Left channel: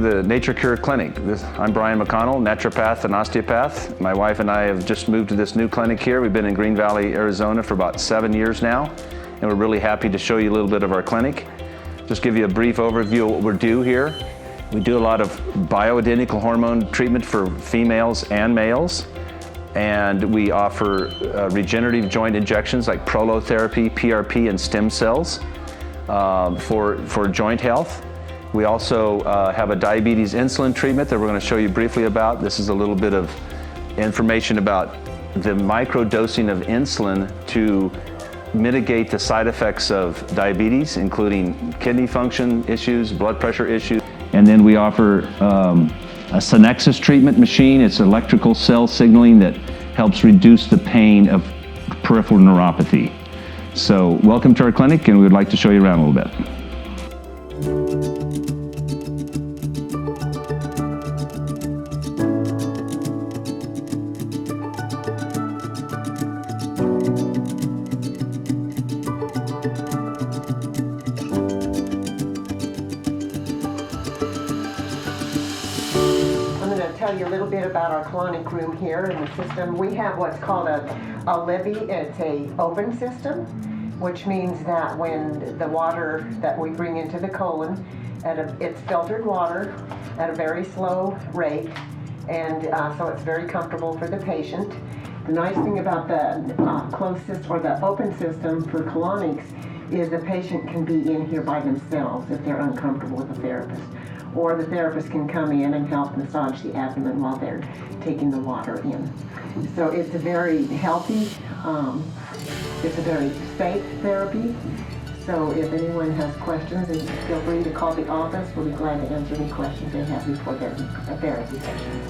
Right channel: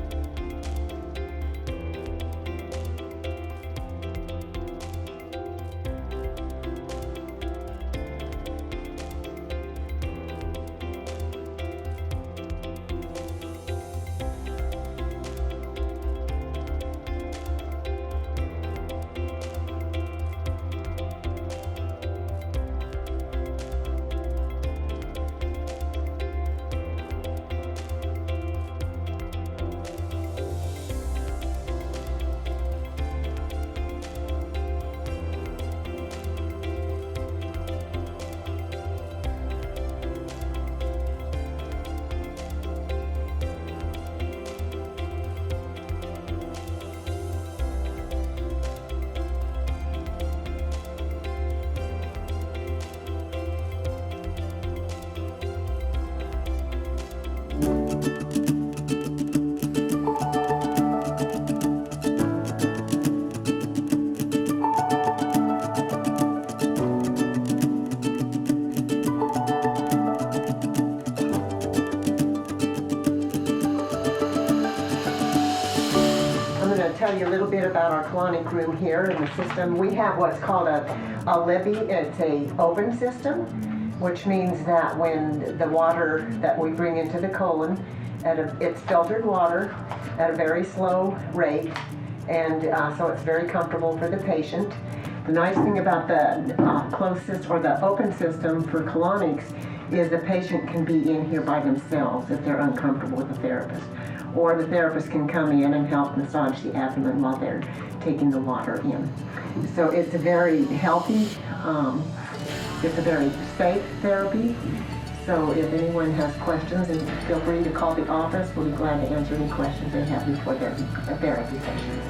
to the Nature Cure Clinic. I'm Bryan McConnell, naturopath and osteopath. My wife and I have just moved to this new clinic here. We've been in Green Valley, Arizona for about 7 years now, and we're really happy to show you a little bit of our clinic. Just give you a brief overview of what we do here. We do a lot of bioidentical hormone treatment for females and males, and we offer regenerative joint injections like prolotherapy, PRP, and stem cells for joint health. We also have a diabetes insulin treatment that we're going to show you briefly about. This is a little bit of information about the microdosing of insulin to mitigate the side effects of diabetes, including kidney function issues, blood pressure issues. And then we offer a Synexus treatment machine. It's electrical cell signaling that helps reduce the pain of peripheral neuropathy. So welcome to our clinic, and we would like to show you around a little bit. I'm going to tell you a little bit about our colonic room here in the system. We have what's called a levee. It's an open system, which means that when the water that we bring into the colon, it's filtered water at a very slow rate, and so it's very comfortable for the patient. The nice thing about the closed system or the open system for colonics is the patient can be in here by themselves if they're uncomfortable with a therapist. Or the therapist can come in and help massage the abdomen while they're taking the water in. So it's a very healthy, it's a very safe therapy. So if anyone has questions, feel free to call the office. We'll be glad to answer any questions they have before their therapy sessions.